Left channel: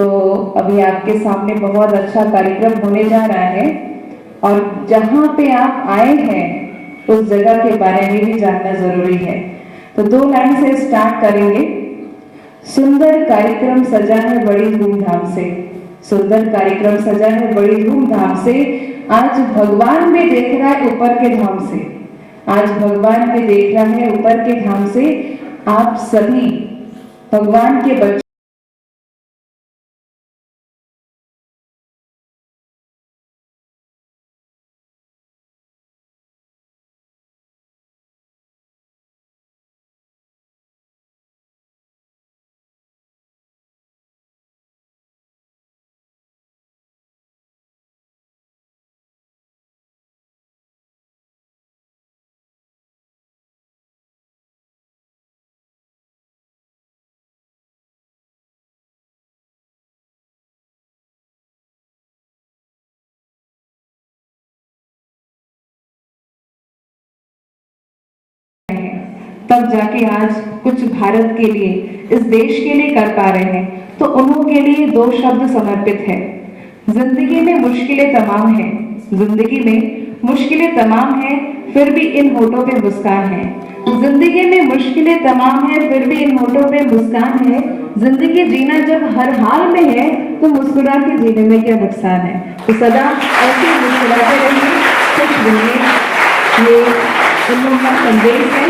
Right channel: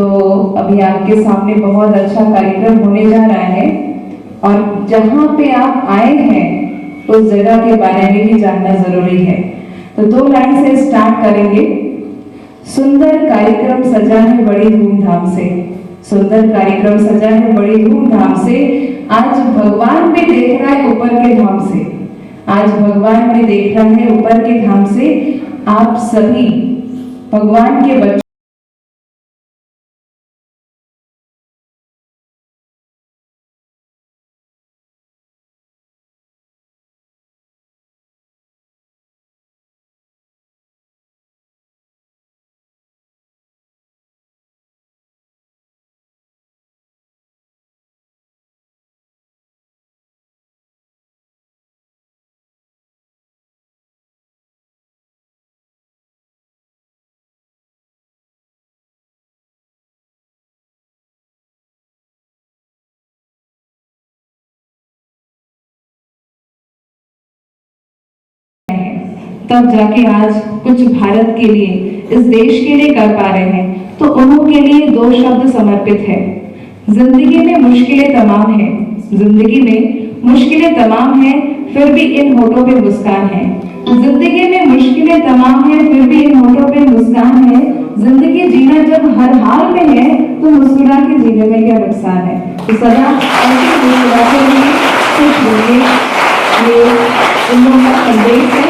तो अभी आपके सामने बहुत अच्छा कार्यक्रम होने जा रहा है और जहाँ पे आप आए हैं उस जगह के बारे में भी जानना जरूरी है। तो 2 लाइन से स्टार्ट करेंगे। सुंदर कार्यक्रम सजा है बड़ी धूमधाम से, सुंदर कार्यक्रम सजा है बड़ी धूमधाम से, आज भगवान भी देख रहा है ऊपर के धाम से, आज भगवान भी देख रहा है ऊपर के धाम से। आप सभी भगवान के बच्चों तब जाके आज कुछ भारत के लिए, इस देश के लिए कर पा रहे हैं। तो उन्हों के लिए 2 शब्द समर्पित है। जिंदगी में मुश्किलें तमाम है, जिंदगी में मुश्किलें तमाम है, फिर भी इन होठों पे मुस्कान है। जिंदगी में मुश्किलें तमाम है, फिर भी इन होठों पे मुस्कान है। जिंदगी जीना जब हर हाल में है, तो मुस्कुरा के जीने में क्या नुकसान है। तो सदा ऐसे मुस्कुराते रहिए, खुश रहिए। ये उन्होंने संदेश है।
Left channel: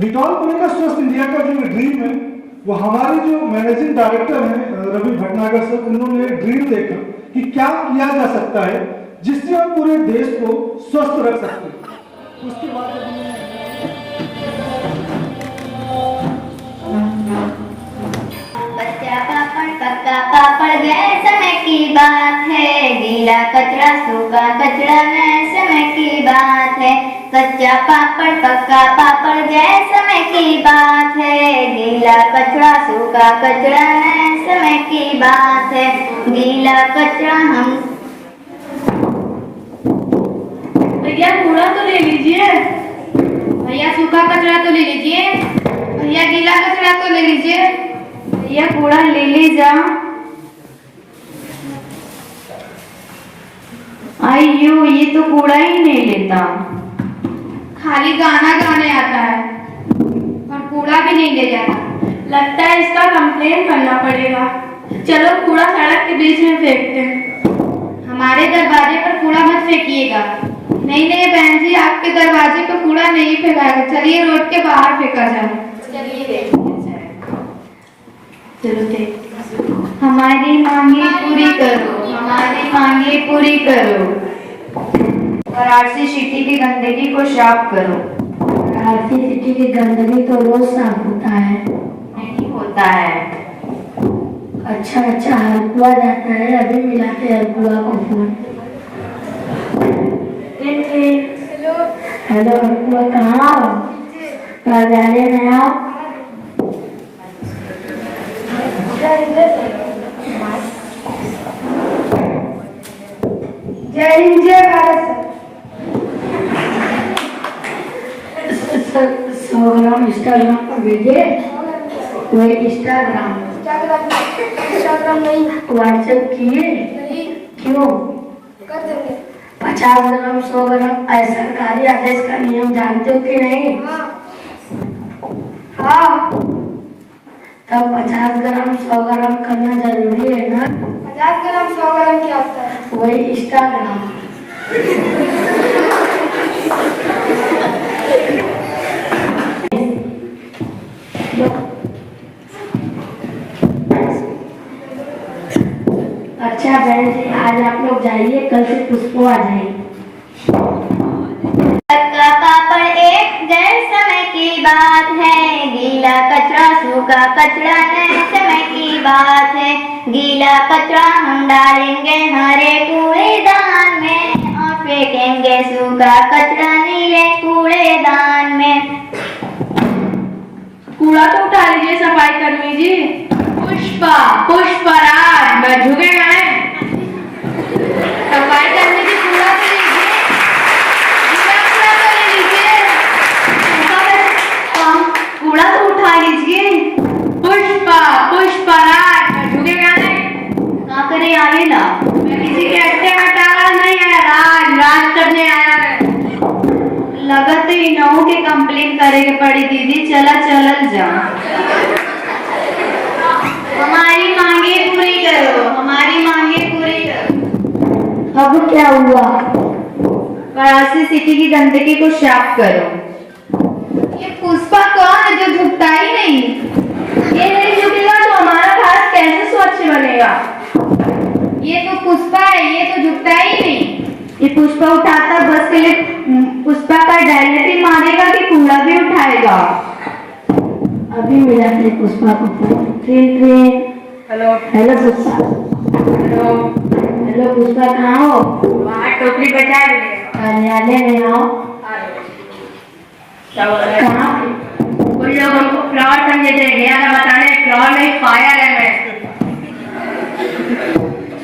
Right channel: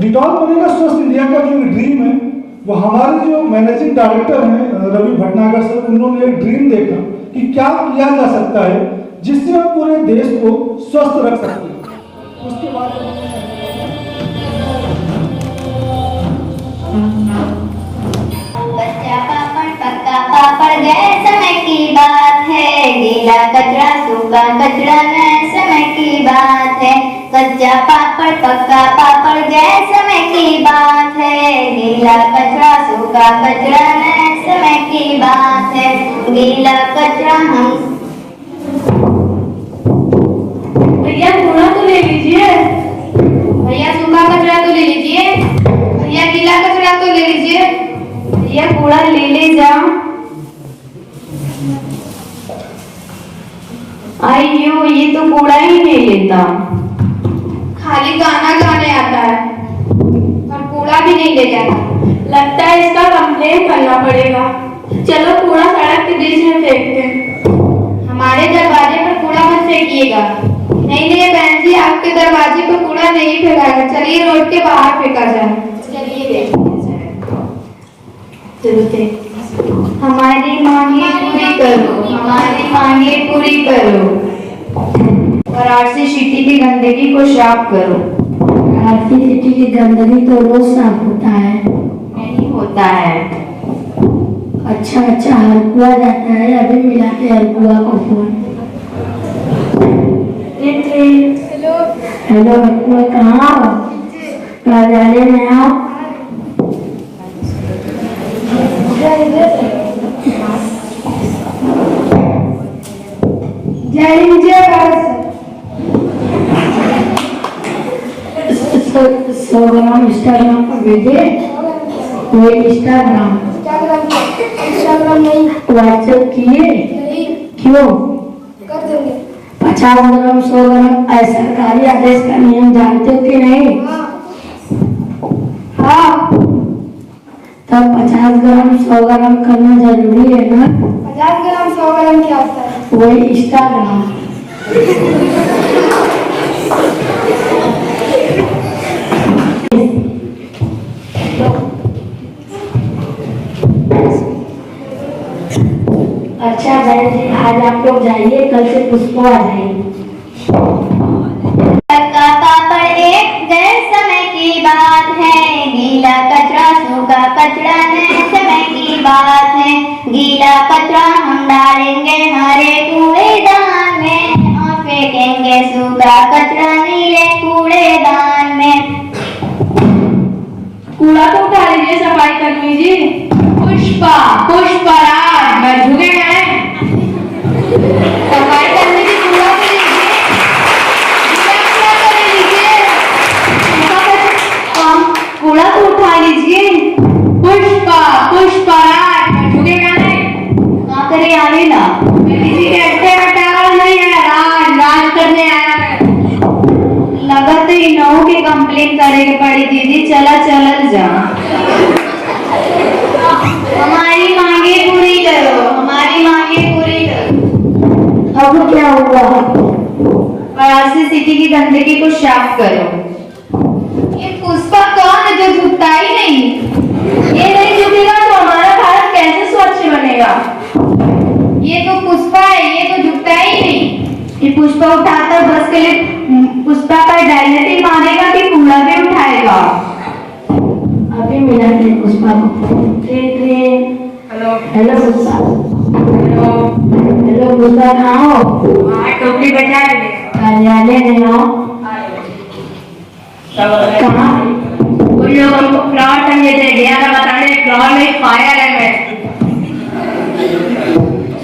डिटॉल बनेगा स्वस्थ इंडिया का जो ड्रीम है, वो हमारे जो मैनेजिंग डायरेक्टर हैं रवि भटनागर सर, उन्होंने एक ड्रीम देखा कि क्या किया जा सकता है जिससे हम पूरे देश को स्वस्थ रख सकते हैं। उसके बाद बच्चा पापड़ पक्का पापड़ गए समय की बात है, गीला कचरा सूखा कचरा गए समय की बात है। कच्चा पापड़ पक्का पापड़ गए समय की बात है, गीला कचरा सूखा कचरा गए समय की बात है। गीला कचरा हम भैया कूड़ा तो ले लीजिए, भैया सूखा कचरा तो ले लीजिए, भैया गीला कचरा तो ले लीजिए। भैया कूड़ा ले जा। आइयो, ये तो कूड़ा ही नहीं लेता, खाली गाना गाने आता है और कूड़ा भी नहीं ले जाता। लगता है इसका कंप्लेन करना पड़ेगा। चलो कूड़ा सड़क के बीच में फेंकते हैं। हमारे दरवाजे पर कूड़ा मत फेंकिएगा। नहीं नहीं बहन जी, आपके दरवाजे पर कूड़ा नहीं फेंकाएगा। चलिए रोड के बाहर फेंका जाए। चलिए चलो देखते। हमारी मांगे पूरी करो, हमारी मांगे पूरी करो। वाराणसी सिटी की गंदगी को साफ करो। वाराणसी सिटी की गंदगी तो रोज साफ होता है। नहीं होता है। अच्छा हरकुआ जाता है, अभी मिला के हरकुआ को फोन। हेलो हरकुआ, कहाँ कार्यालय में आप? जय हिंद जय भारत। 100 ग्राम इंस्टाग्राम पर भेजे। कोई इंस्टाग्राम नहीं, व्हाट्सएप किए? क्यों? कर देंगे। 50 ग्राम 100 ग्राम सरकारी आदेश का नियम जानते हो कि नहीं? हाँ। तब 50 ग्राम 100 ग्राम करना जरूरी है ना? 50 ग्राम 100 ग्राम क्या होता है? वही इंस्टाग्राम। अच्छा बहन जी, आज आप लोग जाइए, कल से पुष्पो आ जाएंगे। पक्का पापड़ एक गए समय की बात है, गीला कचरा सूखा कचरा नए समय की बात है। गीला कचरा हम डालेंगे हरे कूड़ेदान में और फेंकेंगे सूखा कचरा नीले कूड़ेदान में। कूड़ा तो उठा लीजिए सफाई कर्मी जी। पुष्पा पुष्पराज मैं झुकेगा नहीं। सफाई कर्मी जी कूड़ा भी लीजिए, कूड़ा कर लीजिए, कूड़ा तो उठा लीजिए। पुष्पा पुष्पराज मैं झुकेगा नहीं। ना करे आवे ना। मैं किसी के अड्डे हटावा नहीं आया, राज करने आया मैं। लगा तो इनों की कंप्लेन करेगी पड़ी दीदी, चला चलल जा। हमारी मांगे पूरी करो, हमारी मांगे पूरी करो। अब क्या हुआ? वाराणसी सिटी की गंदगी को साफ करो। ये पुष्पा कौन है जो झुकता ही नहीं? ये नहीं झुकेगा तो हमारा भारत कैसे स्वच्छ बनेगा? ये तो पुष्पा है, ये तो झुकता ही नहीं। ये पुष्पा उठाता बस के लिए पुष्पा का डायलिसिस मारेगा कि कूड़ा भी उठाएगा? अभी मिला थे पुष्पा को phone. Hello hello Pushpa. Hello hello Pushpa, कहाँ हो? वहाँ टोकरी बचा ले। कार्यालय में आओ। कहाँ? कुछ लोग हमको फ्लॉर समझे थे, गया था बताने फ्लॉर में फायर है। मैं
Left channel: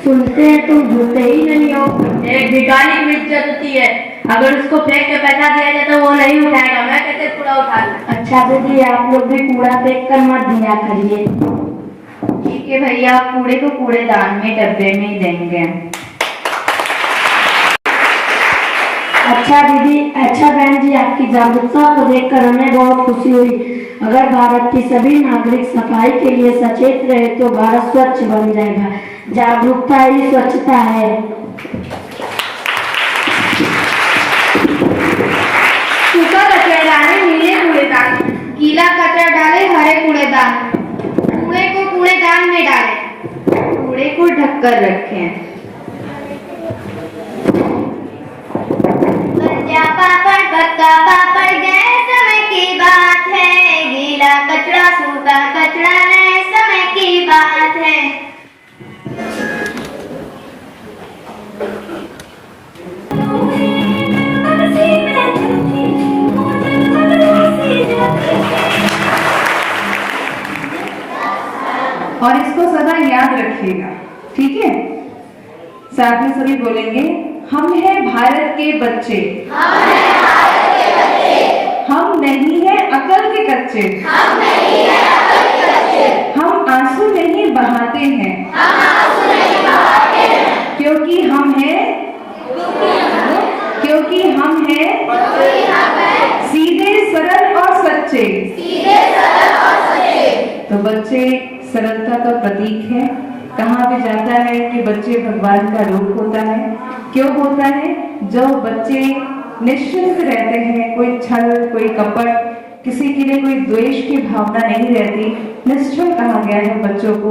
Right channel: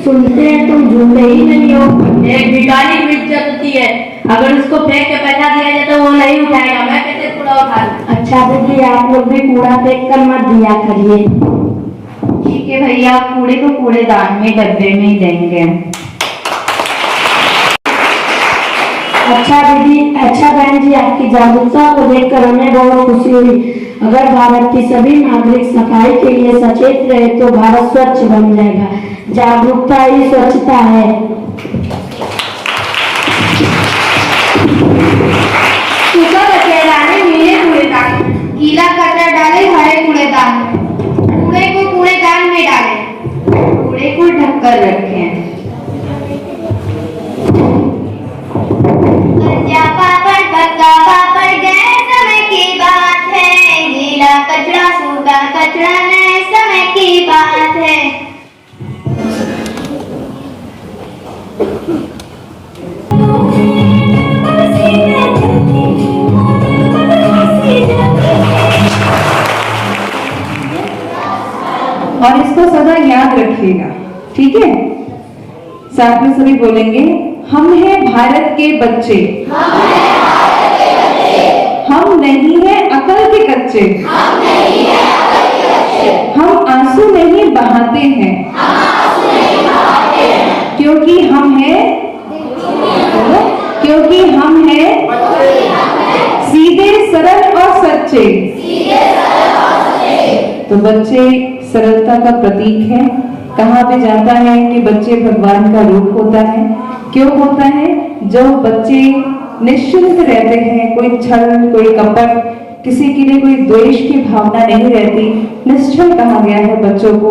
सुनते हैं तुम झूठे ही नहीं हो। एक भिखारी की इज्जत होती है, अगर उसको फेंक के पैसा दिया जाए तो वो नहीं उठाएगा, मैं कैसे कूड़ा उठा लूं? अच्छा दीदी, आप लोग भी कूड़ा फेंक कर मत दिया करिए। ठीक है भैया, कूड़े को कूड़ेदान में डब्बे में ही देंगे। अच्छा दीदी, अच्छा बहन जी, आपकी जागरूकता को देखकर हमें बहुत खुशी हुई। अगर भारत की सभी नागरिक सफाई के लिए सचेत रहे तो भारत स्वच्छ बन जाएगा। जागरूकता ही स्वच्छता है। सूखा कचरा डाले नीले कूड़ेदान, गीला कचरा डाले हरे कूड़ेदान, कूड़े को कूड़ेदान में डालें, कूड़े को ढककर रखें। कच्चा पापड़ पक्का पापड़ गए समय की बात है, गीला कचरा सूखा कचरा नए समय की बात है। और इसको सदा याद रखिएगा, ठीक है? साथ में सभी बोलेंगे, हम हैं भारत के बच्चे, हम नहीं हैं अकल के कच्चे, हम आंसू नहीं बहाते हैं, क्योंकि हम हैं सीधे सरल और सच्चे। तो बच्चे सरलता का प्रतीक है। कहा भी जाता है कि बच्चे भगवान का रूप होता है। क्यों होता है? जो बच्चे निश्चिंत रहते हैं, कोई छल, कोई कपट, किसी के लिए कोई द्वेष की भावना नहीं रहती, निश्चल कहा गया है बच्चों को।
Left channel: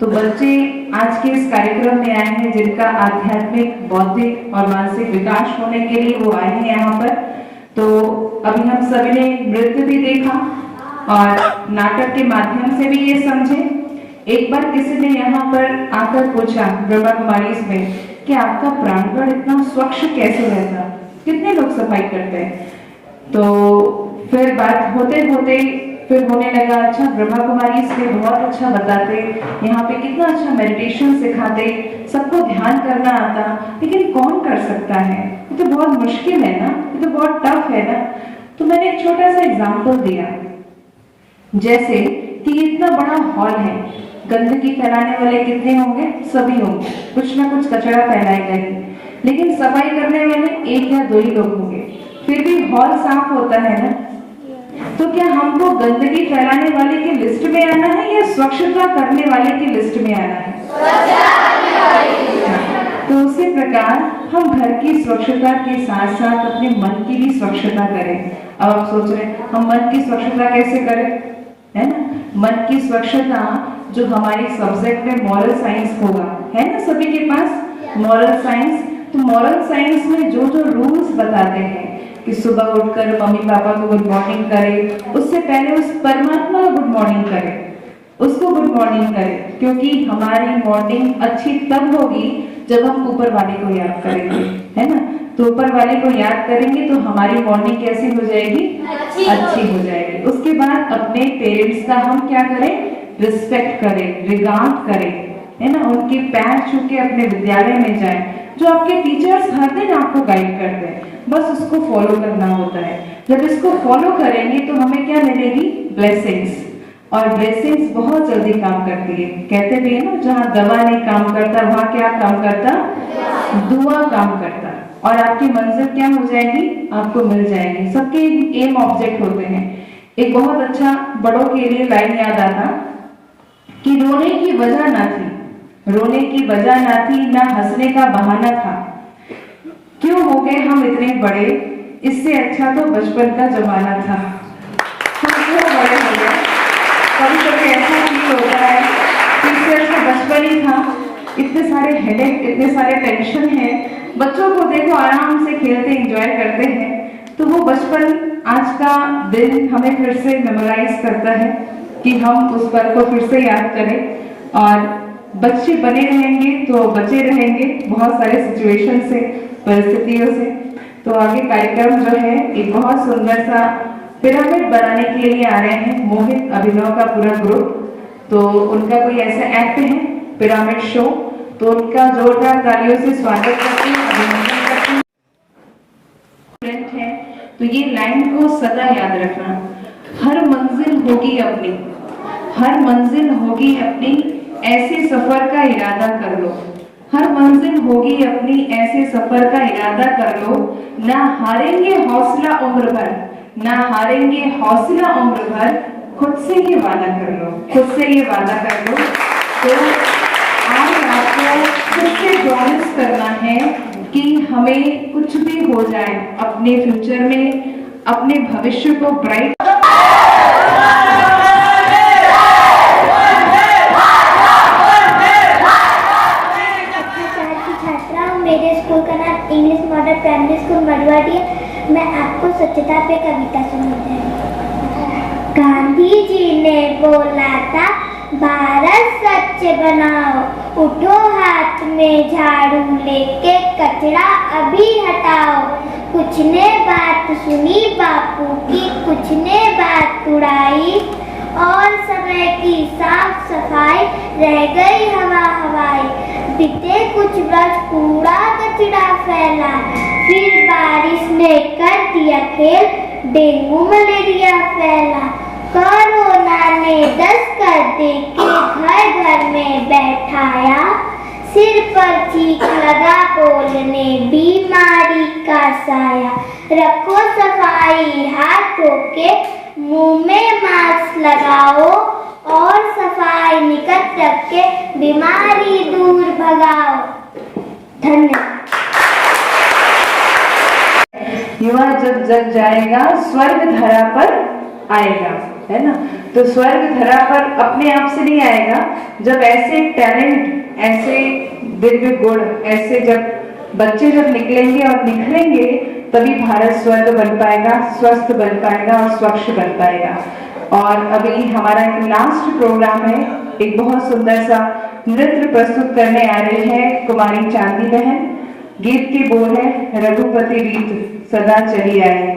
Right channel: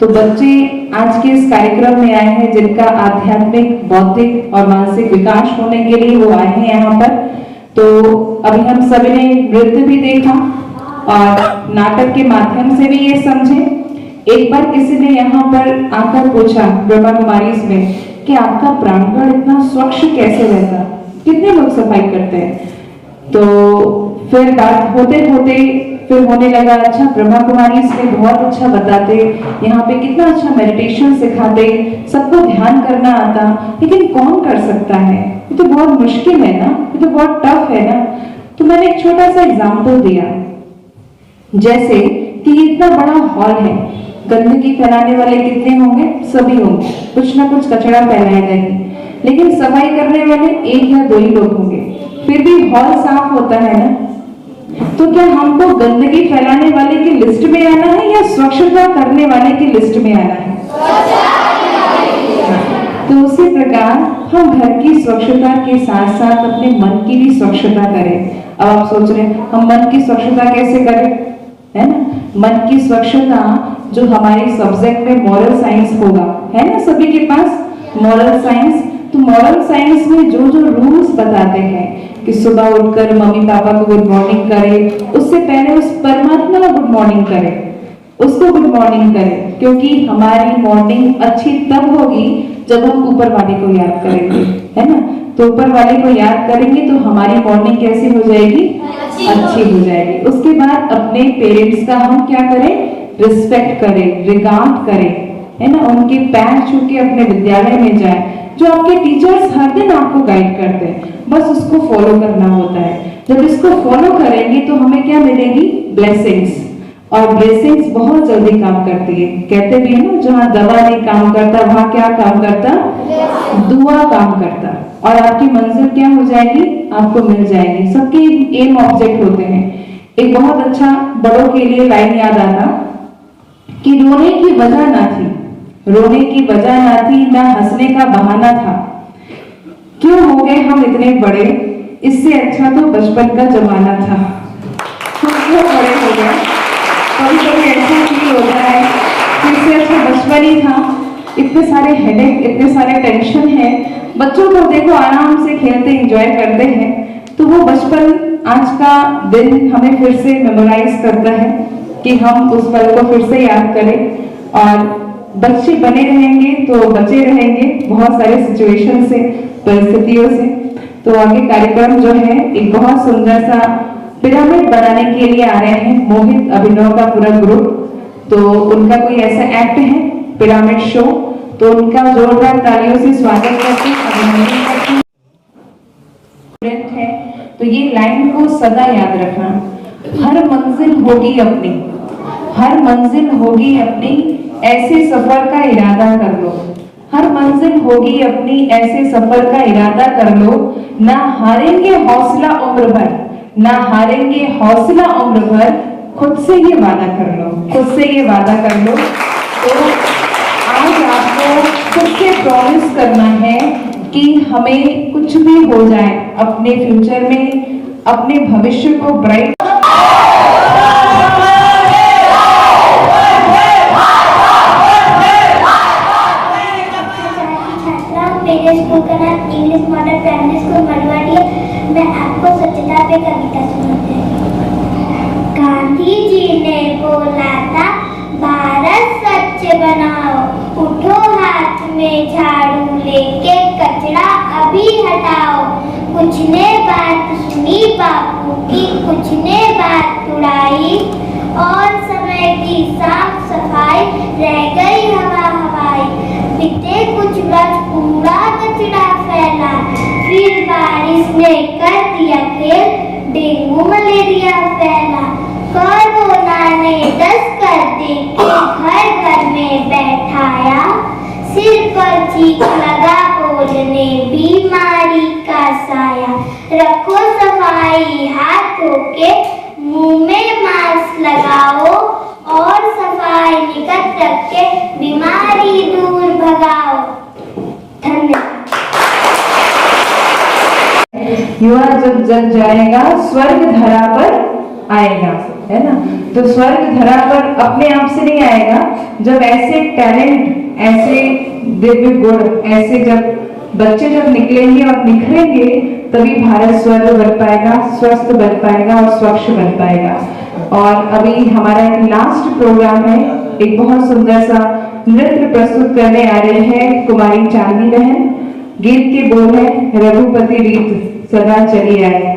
तो बच्चे आज के इस कार्यक्रम में आए हैं जिनका आध्यात्मिक, बौद्धिक और मानसिक विकास होने के लिए वो आए हैं यहाँ पर। तो अभी हम सभी ने नृत्य भी देखा और नाटक के माध्यम से भी ये समझे। एक बार किसी ने यहाँ पर आकर पूछा ब्रह्मा कुमारी में कि आपका प्रांगण इतना स्वच्छ कैसे रहता, कितने लोग सफाई करते हैं? तो फिर बात होते होते फिर होने लगा, अच्छा ब्रह्मा कुमारी इसमें बहुत अच्छा बताते, यहाँ पे कितना अच्छा मेडिटेशन सिखाते, सबको ध्यान करना आता, लेकिन कौन कर सकता है? ये तो बहुत मुश्किल है ना, ये तो बहुत टफ है ना। तो मैंने एक छोटा सा एग्जाम्पल दिया, जैसे कि इतना बड़ा हॉल है, गंदगी फैलाने वाले कितने होंगे? सभी होंगे, कुछ ना कुछ कचरा फैलाएगा ही, लेकिन सफाई करने वाले एक या दो ही लोग होंगे, फिर भी हॉल साफ होता है ना। तो क्या हमको गंदगी फैलाने वाले की लिस्ट में आना है या स्वच्छता करने वाले की लिस्ट में आना है? तो उसी प्रकार हम घर की स्वच्छता के साथ साथ अपने मन की भी स्वच्छता करें। अब आप सोच रहे हैं हम मन की स्वच्छता कैसे करें, है ना? मन की स्वच्छता जो हमारी सब्जेक्ट में मॉरल साइंस होगा, है ना सभी के पास मॉरल साइंस। तो मॉरल साइंस में जो जो रूल्स बताते हैं कि सुबह उठकर मम्मी पापा को गुड मॉर्निंग करें, उससे पहले उस परमात्मा को गुड मॉर्निंग करें, उसको गुड मॉर्निंग करें, क्योंकि हमारी मॉर्निंग अच्छी तब होगी जब हम ऊपर वाले को याद करेंगे, है ना? तो ऊपर वाले को याद करेंगे तो हमारी मॉर्निंग कैसी हो जाएगी, अच्छी हो जाएगी। उसके बाद अपने पेरेंट्स का हम क्या करें, रिस्पेक्ट करें, रिगार्ड करें, है ना? उनके पैर छू के अपने विद्यालय में जाएं। जो आपके टीचर्स हर दिन आपको गाइड करते हैं, बस उसको फॉलो करना होता है। जब इसको फॉलो करेंगे तो हमें क्या मिलेगी, ब्लेसिंग्स। और ब्लेसिंग्स बहुत जल्दी काम करती है। कहते भी है ना, जहाँ दवा नहीं काम करता वहां क्या काम करता, दुआ काम करता। और आपकी मंजिल क्या हो जाएगी, आपको मिल जाएगी। सबके एम ऑब्जेक्ट होते हैं। एक बहुत अच्छा बड़ों के लिए लाइन याद आता कि रोने की वजह ना थी, रोने की वजह ना थी, ना हंसने का बहाना था। क्यों हो गए हम इतने बड़े, इससे अच्छा तो बचपन का जमाना था। हम क्यों बड़े हो गए, कभी कभी ऐसा फील होता है कि इससे अच्छा बचपन ही था। इतने सारे हेडेक, इतने सारे टेंशन है। बच्चों को देखो आराम से खेलते एंजॉय करते हैं, तो वो बचपन आज का दिन हमें फिर से मेमोराइज करता है कि हम उस पल को फिर से याद करें। और बच्चे बने रहेंगे तो बचे रहेंगे बहुत सारे सिचुएशन से, परिस्थितियों से। तो आगे कार्यक्रम जो है एक बहुत सुंदर सा पिरामिड बनाने के लिए आ रहे हैं मोहित अभिनव का पूरा ग्रुप। तो उनका कोई ऐसा एक्ट है पिरामिड शो, तो उनका जोरदार तालियों से स्वागत करते हैं, अभिनंदन करते हैं। तो ये लाइन को सदा याद रखना, हर मंजिल होगी अपनी, हर मंजिल होगी अपनी, ऐसे सफर का इरादा कर लो। हर मंजिल होगी अपनी, ऐसे सफर का इरादा कर लो। ना हारेंगे हौसला उम्र भर, ना हारेंगे हौसला उम्र भर, खुद से ये वादा कर लो, खुद से ये वादा कर लो। तो आज आपको खुद से प्रॉमिस करना है कि हमें कुछ भी हो जाए अपने फ्यूचर में, अपने भविष्य को bright English model primary school Marwari. मैं आपको स्वच्छता पे कविता सुनाती हूँ। गांधी जी ने बोला था भारत स्वच्छ बनाओ, उठो हाथ में झाड़ू लेके कचरा अभी हटाओ। कुछ ने बात सुनी बापू की, कुछ ने बात उड़ाई, और समय की साफ सफाई रह गई हवा हवाई। बीते कुछ वर्ष कूड़ा कचरा फैला, फिर बारिश ने कर दिया खेल, डेंगू मलेरिया फैला। कोरोना ने दस्त कर देके घर घर में बैठाया, सिर पर चीख लगा बोलने बीमारी का साया। रखो सफाई हाथों के, मुंह में मास्क लगाओ, और सफाई निकट रख के बीमारी दूर भगाओ। धन्यवाद। युवा जब जग जाएगा स्वर्ग धरा पर आएगा, है ना? तो स्वर्ग धरा पर अपने आप से नहीं आएगा। जब ऐसे टैलेंट, ऐसे दिव्य गुण, ऐसे जब बच्चे जब निकलेंगे और निखरेंगे, तभी भारत स्वर्ग बन पाएगा, स्वस्थ बन पाएगा और स्वच्छ बन पाएगा। और अभी हमारा एक लास्ट प्रोग्राम है, एक बहुत सुंदर सा नृत्य प्रस्तुत करने आ रही है कुमारी चांदनी बहन। गीत के बोल है रघुपति रीत सदा चली आए।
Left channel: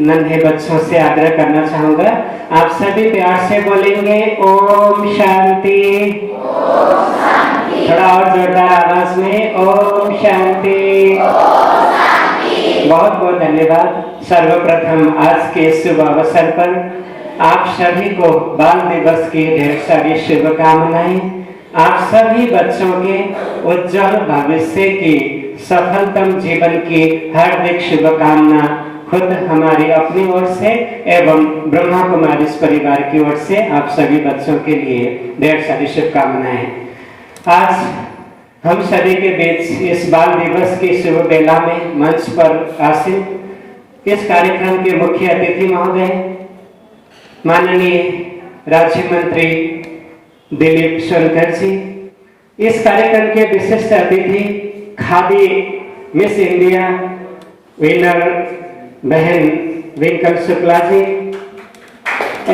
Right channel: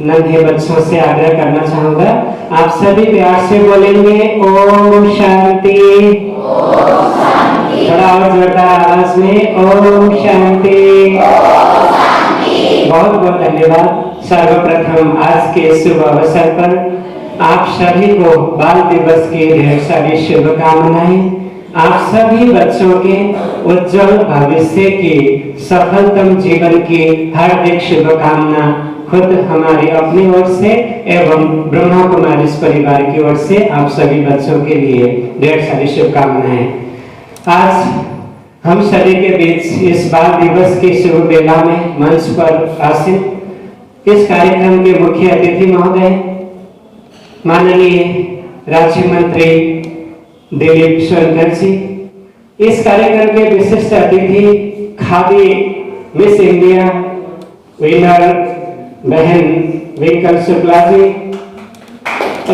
नन्हे बच्चों से आग्रह करना चाहूंगा, आप सभी प्यार से बोलेंगे ओम शांति। थोड़ा और जोरदार आवाज में ओम शांति। बहुत बहुत धन्यवाद। सर्वप्रथम आज के शुभ अवसर पर आप सभी को बाल दिवस की ढेर सारी शुभकामनाएं। आप सभी बच्चों के उज्जवल भविष्य की सफलतम जीवन की हार्दिक शुभकामना खुद हमारी अपनी ओर से एवं ब्रह्मा कुमारी परिवार की ओर से आप सभी बच्चों के लिए ढेर सारी शुभकामनाएं। आज हम सभी के बीच इस बाल दिवस की शुभ बेला में मंच पर आसीन इस कार्यक्रम के मुख्य अतिथि महोदय माननीय राज्य मंत्री दिलीप सोलकर जी, इस कार्यक्रम के विशिष्ट अतिथि खादी मिस इंडिया विनर बहन विंकल शुक्ला जी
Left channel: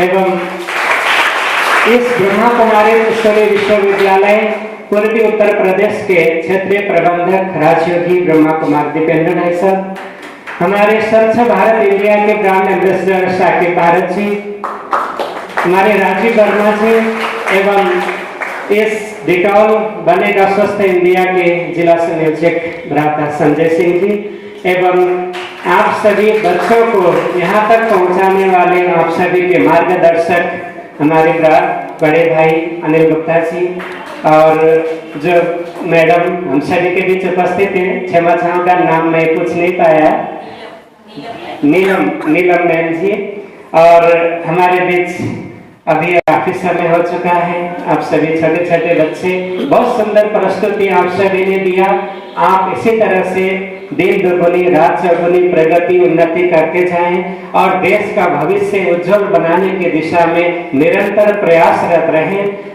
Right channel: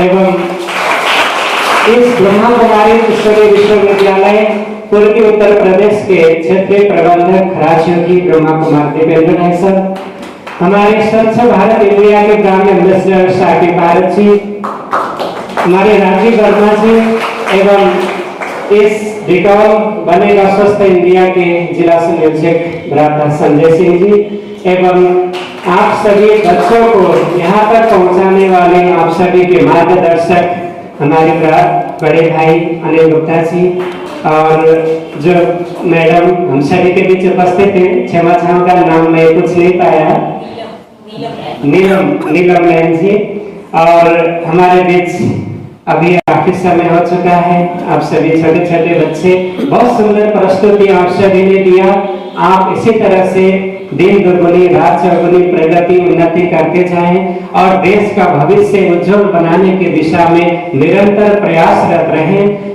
एवं इस ब्रह्मा कुमारी विश्वविद्यालय पूर्वी उत्तर प्रदेश के क्षेत्रीय प्रबंधक राजयोगी ब्रह्मा कुमार दीपेंद्र भाई साहब, हमारे स्वच्छ भारत इंडिया के ब्रांड एम्बेसडर साकी भारत जी, हमारे राजीव वर्मा जी एवं इस डिटॉल बनेगा स्वस्थ इंडिया के जिला संयोजक डॉक्टर संजय सिंह जी एवं आप सभी बच्चों को यहाँ तक पहुँचाने वाले आप सभी के मार्गदर्शक हमारे बड़े भाई अनिल गुप्ता जी और जो मैडम हम सभी के बीच उपस्थित हैं, क्षमा चाहूंगा नाम मैं कुछ नहीं पाया, नीलम मैम जी, और हमारे बीच अभी काफी समय हो चुका है। आप सभी छोटे छोटे बच्चे, बहुत सुंदर प्रस्तुति आप सभी ने दिया। आप इसी तरह से दिन दुगुनी रात चौगुनी प्रगति उन्नति करते जाएं और देश का भविष्य उज्जवल बनाने की दिशा में निरंतर प्रयासरत रहें।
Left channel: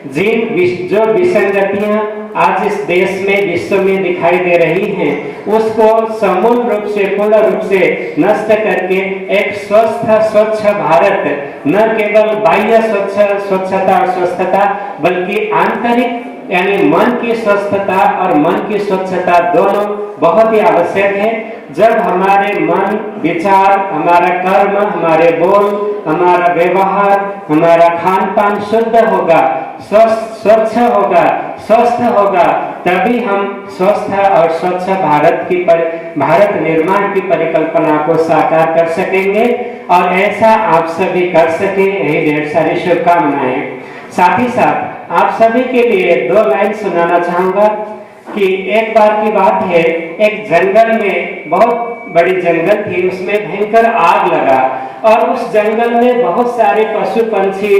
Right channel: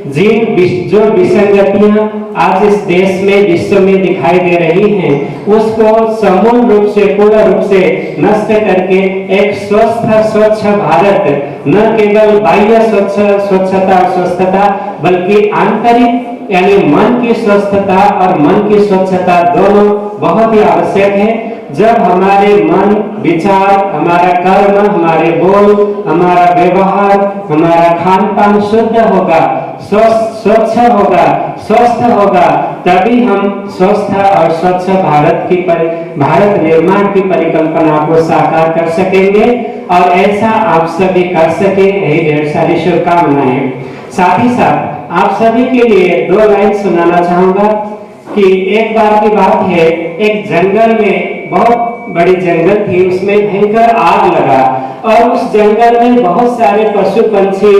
जो विसंगतियां आज इस देश में विश्व में दिखाई दे रही हैं, उसको समूल रूप से पूर्ण रूप से नष्ट करके एक स्वच्छ भारत, न केवल बाह्य स्वच्छता और स्वस्थता बल्कि आंतरिक यानी मन की स्वस्थता और मन की स्वच्छता दोनों बहुत ही आवश्यक है। जब हमारे मन विचार, हमारा कर्म, हमारे बोल, हमारा व्यवहार, हमारा खान पान शुद्ध होगा, स्वच्छ होगा, स्वस्थ होगा, तभी हम स्वस्थ और स्वच्छ भारत निर्माण की परिकल्पना को साकार कर सकेंगे और ऐसा आप सभी कर सके, यही ढेर सारी शुभकामनाएं। साथ ही साथ आप सभी के लिए 2 लाइन सुनाना चाहूंगा कि एक बार की बात है, एक जंगल में बहुत बड़ी जंगल थी, उसमें भयंकर आग लगा और उस जंगल में बहुत सारे पशु पंछी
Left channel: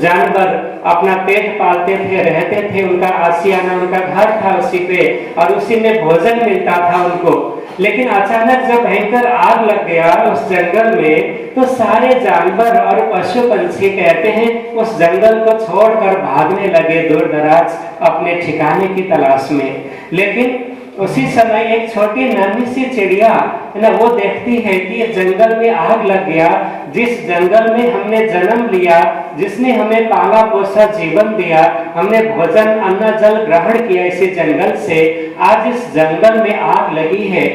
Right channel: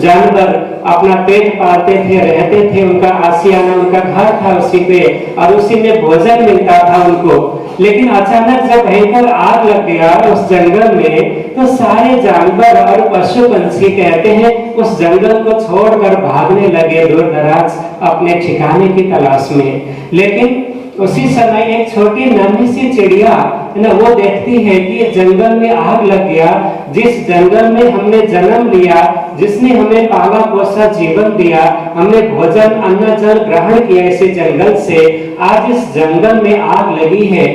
जानवर अपना पेट पालते थे, रहते थे, उनका आशियाना, उनका घर था उसी पे और उसी में भोजन मिलता था उनको। लेकिन अचानक जब भयंकर आग लग गया उस जंगल में, तो सारे जानवर और पशु पंछी कहते हैं उस जंगल को छोड़कर भागने लगे दूर दराज अपने ठिकाने की तलाश में। लेकिन उसी समय एक छोटी नन्ही सी चिड़िया वो देखती है कि ये जंगल में आग लग गया, जिस जंगल में हमने जन्म लिया, जिसने हमें पाला पोसा जीवन दिया, हमने भोजन अन्न जल ग्रहण किया इसी जंगल से, आज इस जंगल में आग लगी है,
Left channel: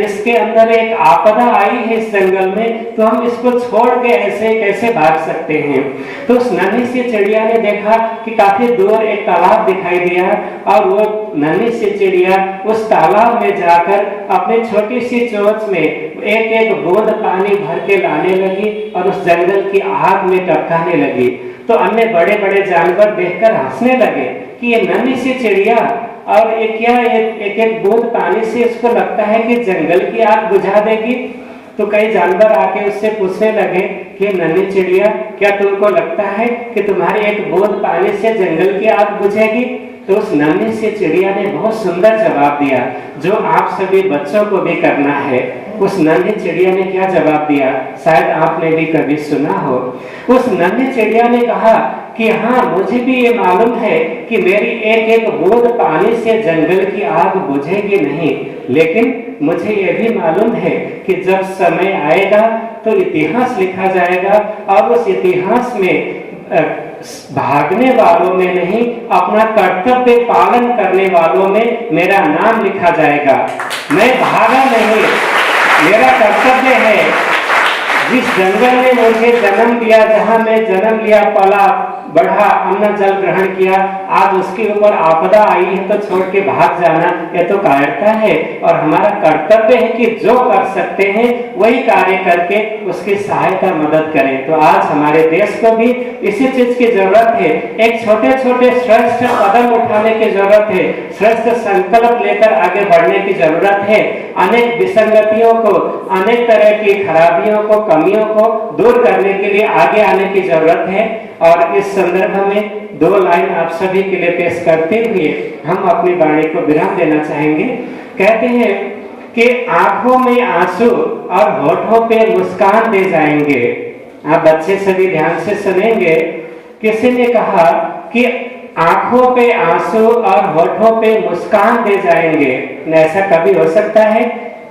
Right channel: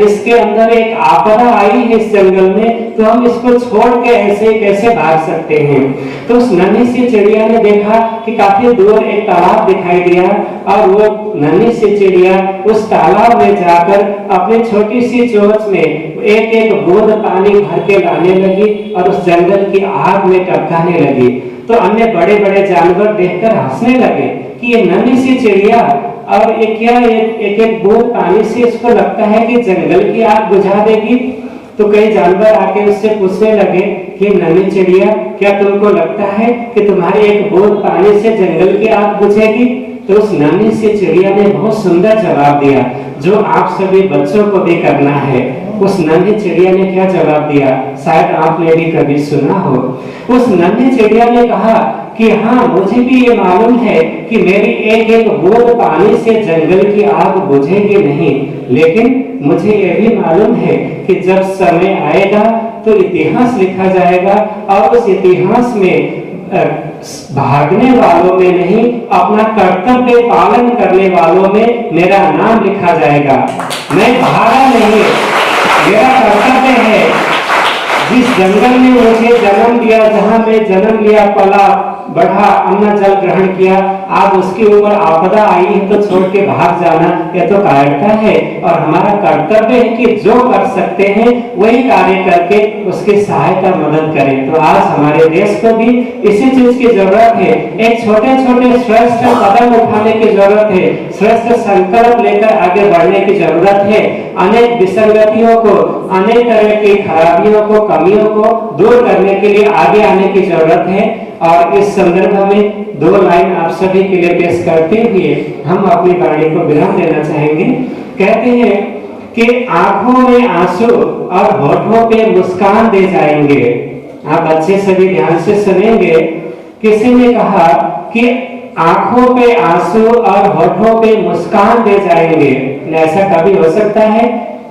इसके अंदर एक आपदा आई है इस जंगल में, तो हम इसको छोड़ के ऐसे कैसे भाग सकते हैं। तो उस नन्ही सी चिड़िया ने देखा कि काफी दूर एक तालाब दिखाई दिया और वो नन्ही सी चिड़िया उस तालाब में जाकर अपनी छोटी सी चोंच में एक एक बूंद पानी भर के लाने लगी और उस जंगल की आग में टपकाने लगी। तो अन्य बड़े बड़े जानवर देखकर हंसने लगे कि ये नन्ही सी चिड़िया और एक एक बूंद पानी से इसको लगता है कि जंगल की आग बुझा देगी। तो कई जानवर आके उससे पूछने लगे कि नन्ही चिड़िया, क्या तुमको लगता है कि तुम्हारी एक बूंद पानी से जंगल की आग बुझेगी? तो उस नन्ही सी चिड़िया ने बहुत सुंदर जवाब दिया, जो आप सभी बच्चों को भी करना है। उस नन्ही चिड़िया ने क्या जवाब दिया, शायद आपने भी कभी सुना हो। उस नन्ही चिड़िया ने कहा कि हाँ, मुझे भी ये मालूम है कि मेरी एक एक बूंद पानी से जंगल की आग बुझेगी नहीं, लेकिन मुझे ये भी मालूम है कि जब समय आएगा तो इतिहास लिखा जाएगा और उस इतिहास में भागने वालों में नहीं, अपना कर्तव्य पालन करने वालों में मेरा नाम लिखा जाएगा। मैं भागा नहीं, मेरा कर्तव्य है जिस जंगल में मुझे जन्म दिया, जहाँ मैं जन्म लिया, पला बढ़ा, अन्न जल ग्रहण किया, आज उसके ऊपर आपदा आई है तो छोड़ के भाग जाना, यह तो कायरता है। और हमारा कर्तव्य है कि जो कर सकते हैं वही कार्य करके उसकी सहायता मदद करें। तो आज हमारे देश को भी इसी चीज की जरूरत है। एक छोटे छोटे श्रेष्ठ कदम उठाने की जरूरत है, श्रेष्ठ संकल्प लेकर आगे बढ़ने की जरूरत है। अनेक विसंगतियों को, अनेक तरह की खराबियों को, कमियों को दूर करने के लिए आगे आने की जरूरत है। और इस संदर्भ में 2 लाइन आप सभी के लिए पेश करते हुए हम अपनी वाणी को विराम देना चाहेंगे। कहते हैं कि आंखों में आंसू और होठों पे मुस्कान दे जाएंगे। आप अच्छे से भी ध्यान से सुनेंगे। किसी ने कहा कि आंखों पे आंसू और होठों पे मुस्कान दे जाएंगे। ऐसा कभी हो सकता है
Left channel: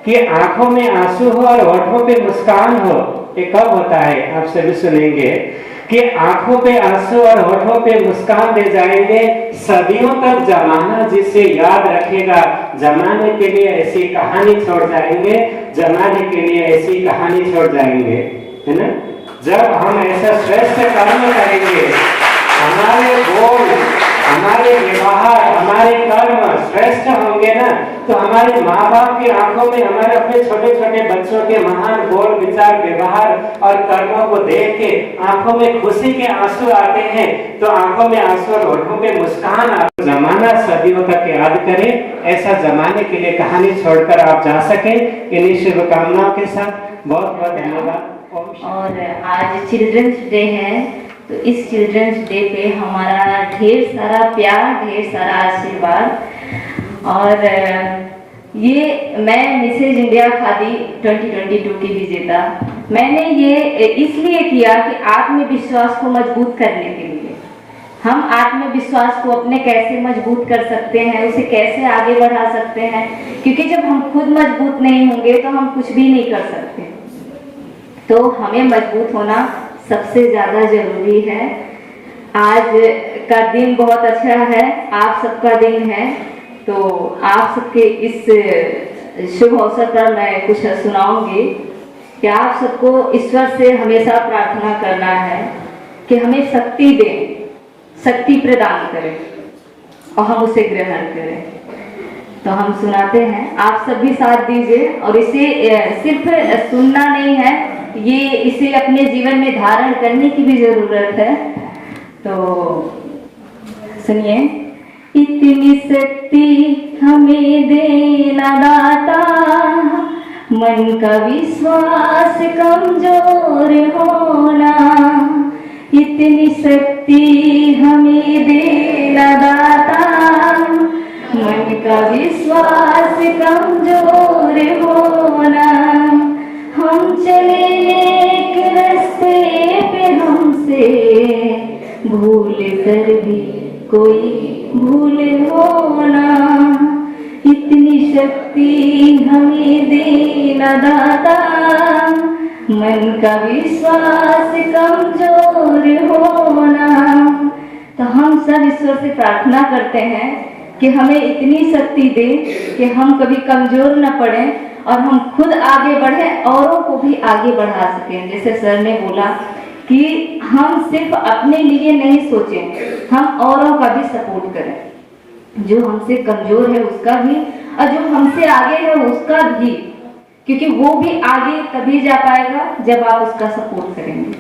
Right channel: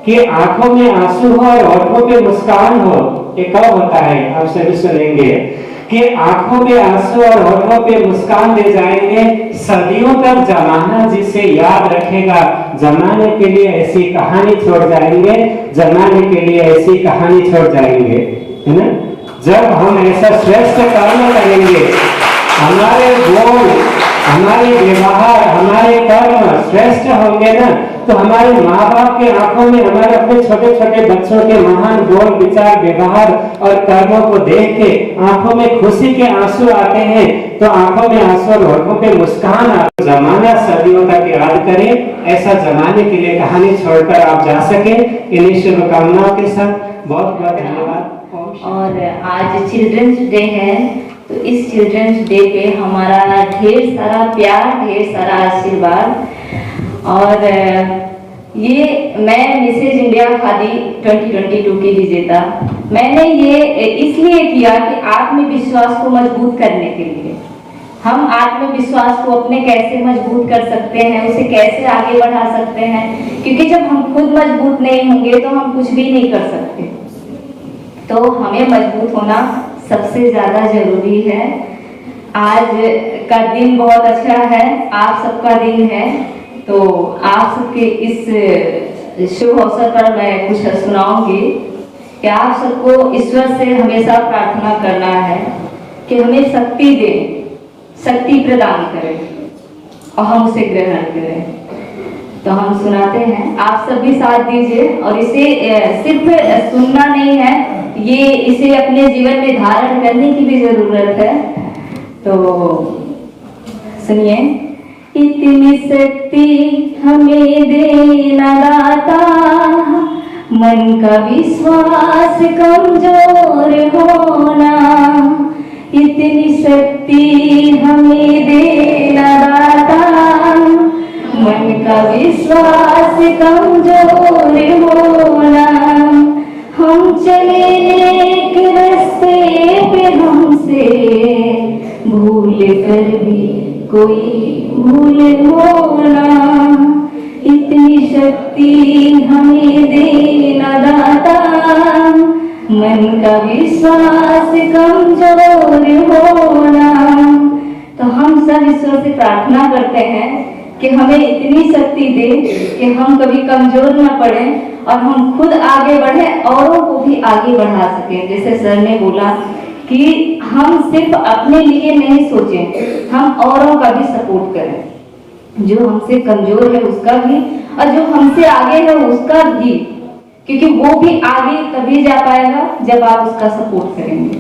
कि आंखों में आंसू हो और होठों पे मुस्कान हो? ये कब होता है? आप सभी सुनेंगे कि आंखों पे आंसू और होठों पे मुस्कान दे जाएंगे। सदियों तक जमाना जिसे याद रखेगा, जमाने के लिए ऐसी कहानी छोड़ जाएंगे, जमाने के लिए ऐसी कहानी छोड़ जाएंगे, है ना। जब हम ऐसा श्रेष्ठ कर्म करेंगे, हमारे बोल, हमारे व्यवहार, हमारे कर्म श्रेष्ठ होंगे ना, तो हमारे माँ बाप की आंखों में हमारे अपने छोटे छोटे बच्चों के महान बोल, विचार, व्यवहार और कर्मों को देख के आंखों में खुशी के आंसू आते हैं। तो आंखों में आंसू और होठों पे मुस्कान आते। जमाना सदियों तक याद करें, ऐसा जमाने के लिए कहानी छोड़कर आप जा सके। इन्हीं शुभकामनाओं के साथ बहुत बहुत धन्यवाद। और आज चिल्ड्रंस डे है, तो इस चिल्ड्रंस डे पे हमारा ढेर सारा प्यार, ढेर सारा आशीर्वाद। और ये मैं मिसेज इंडिया खादी 2022 की विजेता, मैंने ये इसलिए किया कि आत्मविश्वास को मजबूत करने के लिए। हम आत्मविश्वास को अपने कैसे मजबूत कर सकते हैं, उसे कैसे आगे बढ़ा सकते हैं, क्योंकि जब हम खुद मजबूत नहीं होंगे तो हम कुछ भी नहीं कर सकते। तो हमें मजबूत होना सबसे ज्यादा जरूरी है। आज का दिन बहुत अच्छा है, आप सबका दिन है, तो आप सबके इस शुभ अवसर पर मैं कुछ सुनाऊंगी कि आप सबको ईश्वर से हमेशा प्रार्थना करना है कि हमें शक्ति दे, शक्ति प्रदान करे और हम उसे ग्रहण करें। तो हम सुनाते हैं, आप सभी साथ दीजिए। और इसे सिर्फ सुनना नहीं है, ये इसे अपने जीवन में धारण करने की भी जरूरत है। तो सुनिए। इतनी शक्ति हमें देना दाता, मन का विश्वास कमजोर होना। इतनी शक्ति हमें देना दाता, मन का विश्वास कमजोर होना। हम चले एक रास्ते पे हमसे भूल कर भी कोई भूल होना। इतनी शक्ति हमें देना दाता, मन का विश्वास कमजोर होना। तो हम सब ईश्वर से प्रार्थना करते हैं कि हमें इतनी शक्ति दे कि हम कभी कमजोर न पड़े और हम खुद आगे बढ़े, औरों को भी आगे बढ़ा सकें। जैसे सर ने बोला कि हम सिर्फ अपने लिए नहीं सोचें, हम औरों का भी सपोर्ट करें। जो हमसे कमजोर है उसका भी, और जो हमसे आगे है उसका भी, क्योंकि वो भी आगे तभी जा पाएगा जब आप उसका सपोर्ट करेंगे।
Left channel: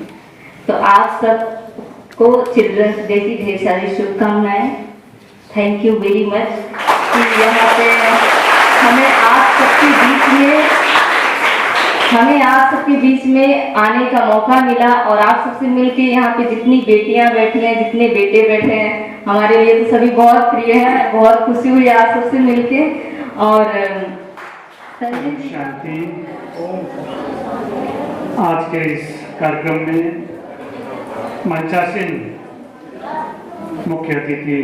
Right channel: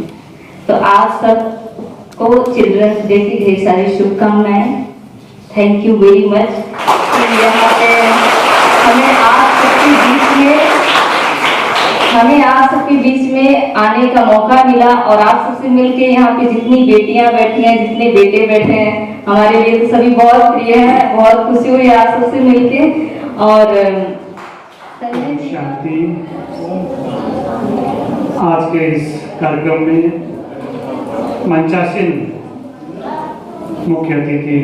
तो आप सबको चिल्ड्रंस डे की ढेर सारी शुभकामनाएं। Thank you very much. हमें आप सबके बीच में आने का मौका मिला और आप सबसे मिलके यहाँ पे जितनी बेटियां बैठी हैं, जितने बेटे बैठे हैं, हमारे लिए तो सभी बहुत प्रिय है। बहुत खुशी हुई आप सबसे मिलके। और शांति। आज के इस कार्यक्रम में मंचासीन मुख्य अतिथि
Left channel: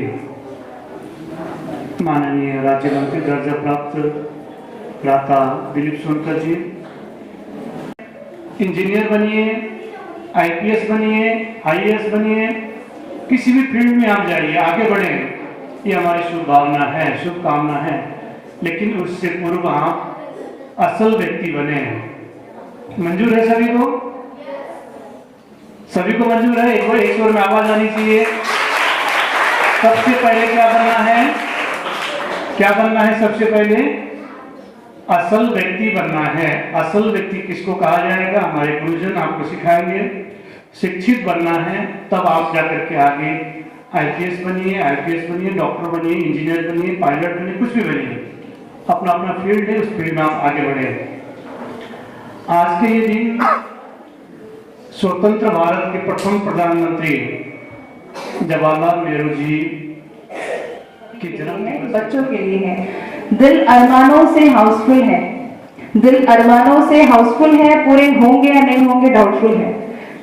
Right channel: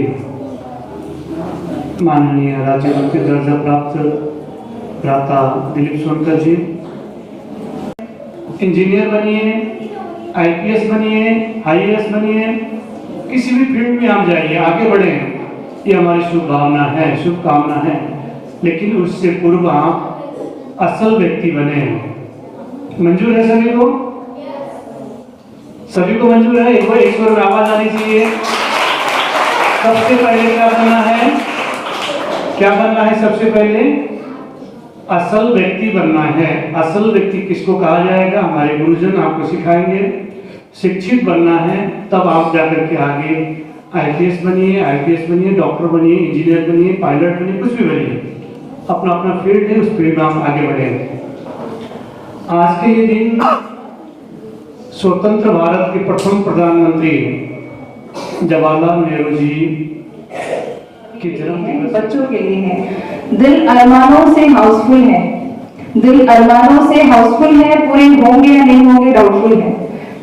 माननीय राज्य मंत्री दर्जा प्राप्त भ्राता दिलीप सोनकर जी। इंजीनियर बनिए, आईपीएस बनिए, आईएएस बनिए, किसी भी फील्ड में आप जाइए, आगे बढ़े, ये हमारी शुभकामना है, शुभकामना है। लेकिन उससे पूर्व आप असल व्यक्ति बने। मंजूर है सभी को? सभी को मंजूर है? एक बार एक स्वर में आवाज आनी चाहिए। सबसे पहले क्या करना है? क्या बनना है? सबसे पहले असल व्यक्ति बनना है। असल व्यक्ति किसको कहा जाएगा? हमारे गुरुजन आपको सिखाएंगे। शिक्षित बनना है, तब आप जाकर के आगे IPS बनिए, IPS बनिए, डॉक्टर बनिए, इंजीनियर बनिए, पायलट बनिए, कुछ भी बनिए। अपना अपना फील्ड है, उस फील्ड में आप आगे बढ़े। आज के ये दिन स्वतंत्र भारत के प्रथम प्रधानमंत्री जवाहरलाल नेहरू जी की जन्म बच्चों के लिए है। दिल अरमानों से हाउसफुल है, दिल अरमानों से हाउसफुल है, पूरे होंगे या नहीं होंगे डाउटफुल है,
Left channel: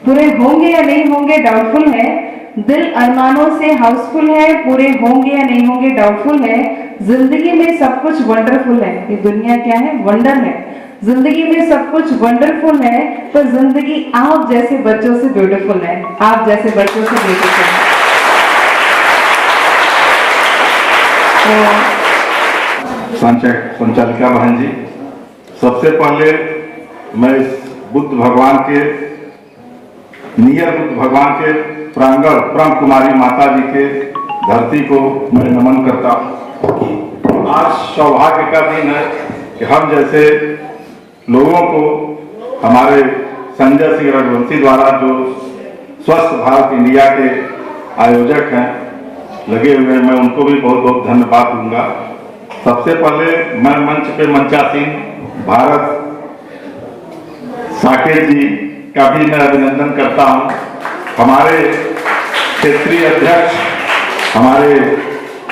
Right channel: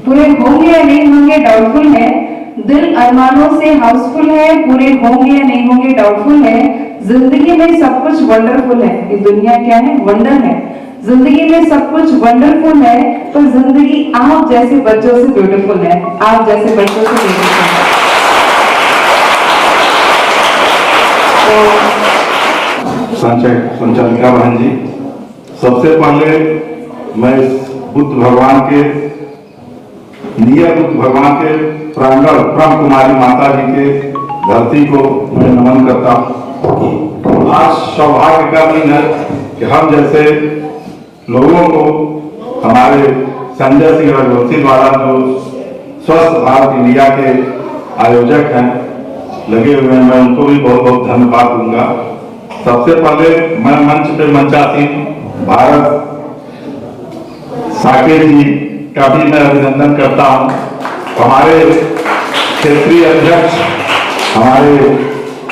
पूरे होंगे या नहीं होंगे डाउटफुल है। दिल अरमानों से हाउसफुल है, पूरे होंगे या नहीं होंगे डाउटफुल है। जिंदगी में सब कुछ वंडरफुल है, ये दुनिया क्या है? वंडर है। जिंदगी में सब कुछ वंडरफुल है, तो जिंदगी आप जैसे बच्चों से ब्यूटीफुल है, आप जैसे बच्चों से ब्यूटीफुल है। संचालिका बहन जी, सबसे पहले मैं इस बुद्ध भगवान के नियर बुद्ध भगवान के प्रांगण ब्रह्म कुमारी माता जी के धरती को मैं नमन करता हूँ। आज सौभाग्य का दिन है कि हम जैसे लोगों को हमारे संजय सिंह रघुवंशी द्वारा जो स्वस्थ भारत इंडिया के आयोजक हैं लगे हुए हैं, मैं उनको भी बहुत बहुत धन्यवाद दूंगा। सबसे पहले मैं मंच पे मंचासीन भारत साकेत जी का भी मैं अभिनंदन करता हूं। हमारे क्षेत्रीय अध्यक्ष हमारे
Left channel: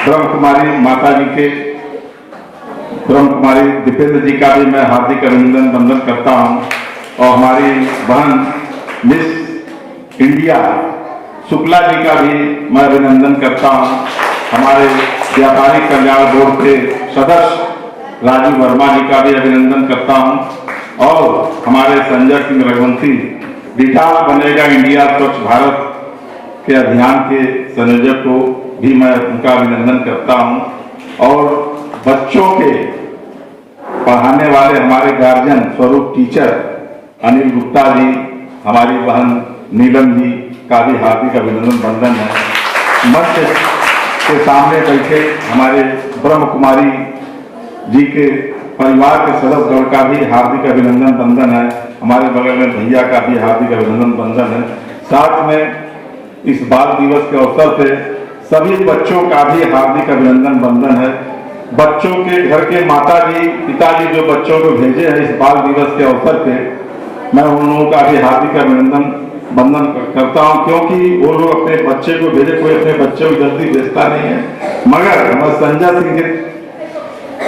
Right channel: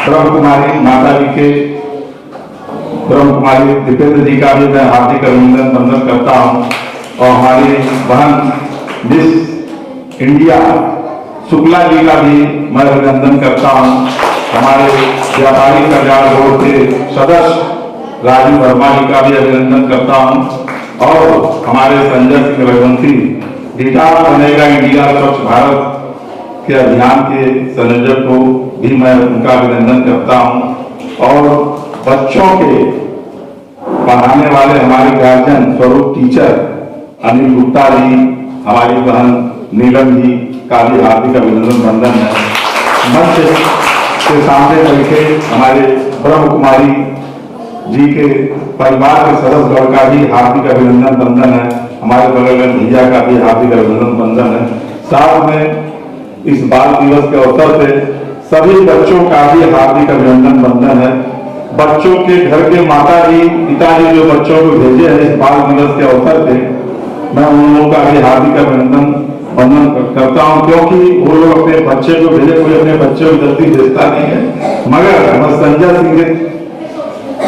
ब्रह्म कुमारी माता जी के ब्रह्म कुमारी दीपेंद्र जी का भी मैं हार्दिक अभिनंदन करता हूं, और हमारी बहन मिस इंडिया शुक्ला जी का भी मैं अभिनंदन करता हूं। हमारे व्यापारी कल्याण बोर्ड के सदस्य राजू वर्मा जी का भी अभिनंदन करता हूं, और हमारे संजय सिंह रघुवंशी डिजिटल बनेगा इंडिया स्वच्छ भारत के अभियान के संयोजक को भी मैं उनका अभिनंदन करता हूं। और बच्चों के पढ़ाने वाले हमारे गार्जियन स्वरूप टीचर अनिल गुप्ता जी, हमारी बहन नीलम जी का भी हार्दिक अभिनंदन बंधन है। मंच के सामने बैठे हमारे ब्रह्म कुमारी जी के परिवार के सदस्यगण का भी हार्दिक अभिनंदन बंधन है। हमारे बगल में भैया का भी हार्दिक अभिनंदन बंधन है। साथ में इस बाल दिवस के अवसर पे सभी बच्चों का भी हार्दिक अभिनंदन बंधन है। बच्चों के घर के माता जी पिताजी जो बच्चों को भेजे हैं इस बाल दिवस के अवसर पे, मैं उन लोगों का भी हार्दिक अभिनंदन बंधन करता हूं, क्योंकि वो लोग अपने बच्चे को भेजे, कोई अपने बच्चे को जल्दी भेजता नहीं है। मगर मैं संजय सिंह के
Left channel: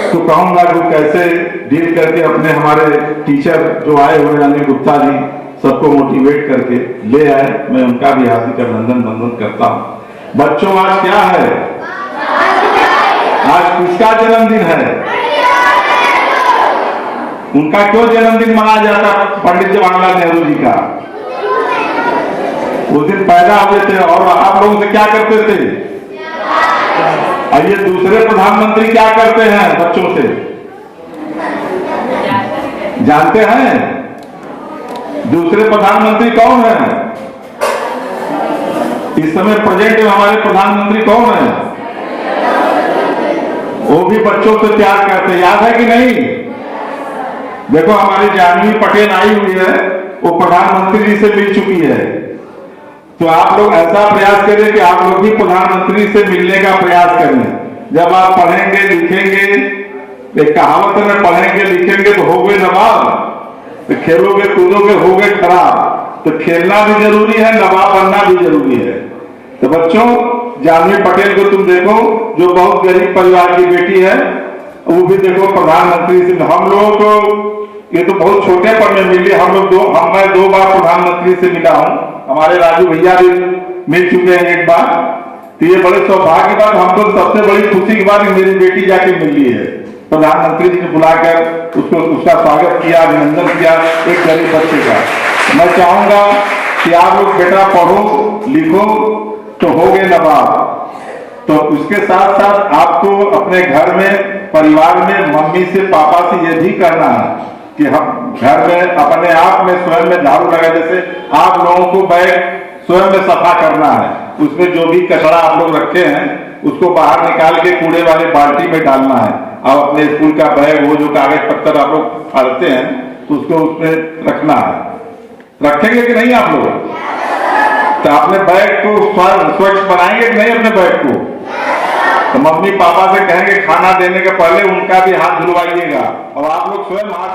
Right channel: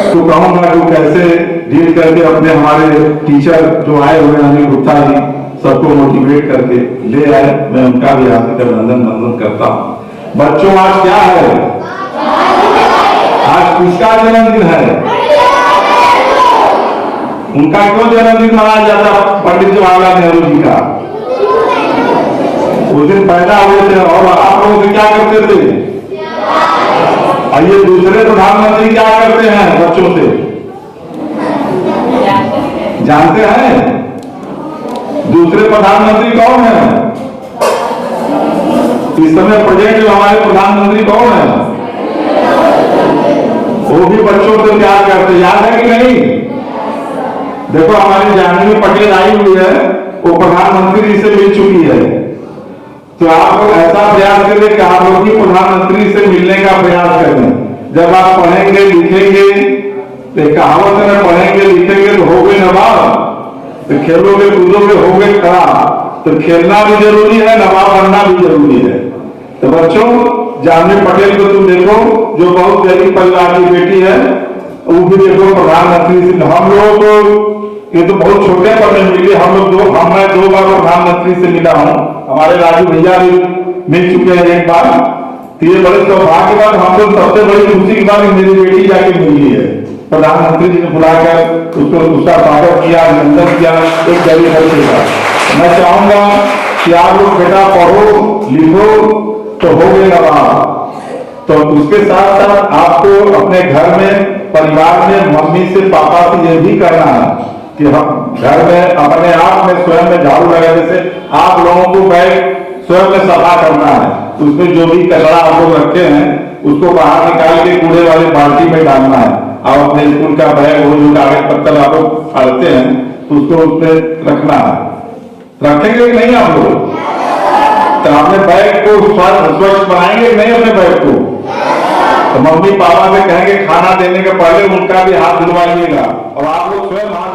तो कहूंगा जो कैसे डील करके अपने हमारे टीचर जो आए हुए अनिल गुप्ता जी सबको मोटिवेट करके ले आए, मैं उनका भी हार्दिक अभिनंदन बंधन करता हूं। बच्चों आज क्या है? आज किसका जन्मदिन है? उनका क्यों जन्मदिन मनाया जाता? पंडित जवाहरलाल नेहरू जी का। उस दिन पैदा हुए थे, और आप लोगों से क्या करते थे? और ये दूसरे प्रधानमंत्री क्या करते हैं बच्चों से? जानते हैं दूसरे प्रधानमंत्री कौन है? इस समय प्रेजेंट में हमारे प्रधानमंत्री कौन है? वो भी बच्चों से प्यार करते, याद है कि नहीं? देखो हमारी जानवी पटेल आई हुई है, वो प्रधानमंत्री जी से मिल चुकी है। तो आप लोग ऐसा प्रयास करें कि आप लोग भी प्रधानमंत्री से मिलने का प्रयास करें। जब आप पढ़ेंगे लिखेंगे, एक कहावत है पढ़ेंगे लिखेंगे तो होगे नवाब, तो खेलोगे कूदोगे होगे खड़ा। तो खेलना भी जरूरी है, नवाब बनना भी जरूरी है। तो बच्चों जानवी पटेल को तुम देखो, जो बहुत गरीब परिवार की बेटी है, वो भी देखो प्रधानमंत्री से। हम लोगों को ये तो बहुत छोटे पद में मिली, मैं 2 बार प्रधानमंत्री से मिला हूँ, हमारे राजू भैया भी मिल चुके हैं 1 बार। तो ये बड़े सौभाग्य बाद हम लोग सबसे बड़ी खुशी की बात मेरी बेटी जाके मिली है। प्रधानमंत्री जी ने बुलाकर उसका स्वागत किया, अभिनंदन किया एक गरीब बच्चे का। मैं चाहूंगा कि आप लोग बेटा पढ़ो लिखो तो होगे नवाब। तो उसके साथ साथ आपको अपने घर में परिवार में मम्मी से पापा से ये भी करना है कि हम घर में अपने आप में स्वयं में झाड़ू लगाने से आप लोगों को बैग स्वयं में सफा करना है। उसमें जो भी कचरा आप लोग रखे हैं उसको बाहर निकाल के कूड़े वाले बाल्टी में डालना है। और अपने स्कूल का बैग, वो जो कागज पत्तर आप लोग फाड़ते हैं उसको उसमें रखना है। रखेंगे कि नहीं आप लोग? तो अपने बैग को स्वच्छ बनाएंगे कि नहीं अपने बैग को? तो मम्मी पापा से कहेंगे खाना देने के पहले उनका भी हाथ धुलवाइएगा और आप लोग स्वयं हाथ